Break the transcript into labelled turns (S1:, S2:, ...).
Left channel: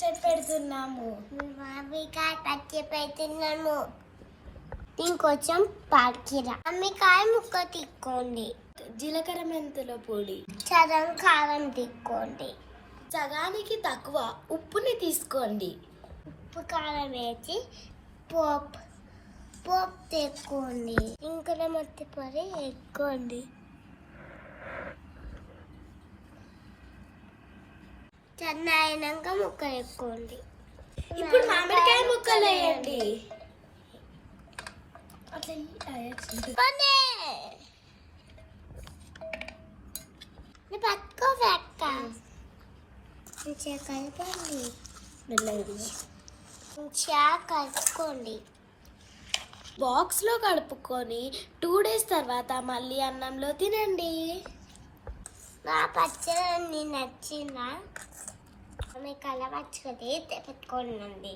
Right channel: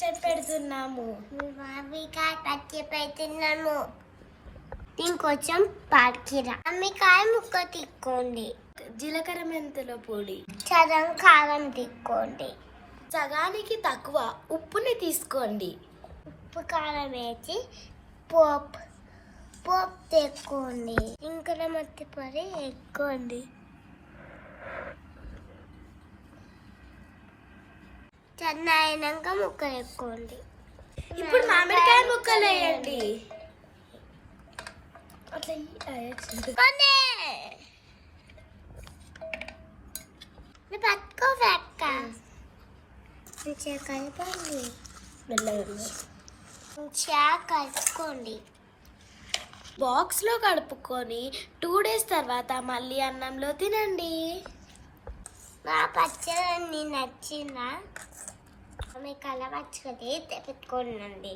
S1: పచ్చడి పెడుతున్నాము
S2: మామిడికాయ పచ్చి పెడుతున్నాము ఇంకొంచెం పాడికిరా మామిడికాయ ముక్క తిక్కోండి
S1: జీలకర్ర మెంతుల పొడి.
S2: చదం కారం తిక్కోండి
S1: సగానికి తక్కువ ఉప్పుని తీసుకోండి.
S2: ఉప్పు కారం వేసి పోపు పోపు తెక్కోండి ఇంకా మత్తి పొడి ఎక్కువండి చన్న అయినాక ముక్క ఎక్కువండి
S1: ఇప్పుడు మామిడికాయ ముక్కలు వేయండి.
S2: పట్టుకో అక్క కలపండి మంచిగా కలుపుకోండి.
S1: బాక్స్లో కలుపుకొని టూ డేస్ తర్వాత మళ్ళీ అన్నంలో తినండి.
S2: మా పచ్చడి నచ్చిందా? మీకు అలా పచ్చడి పెట్టుకోండి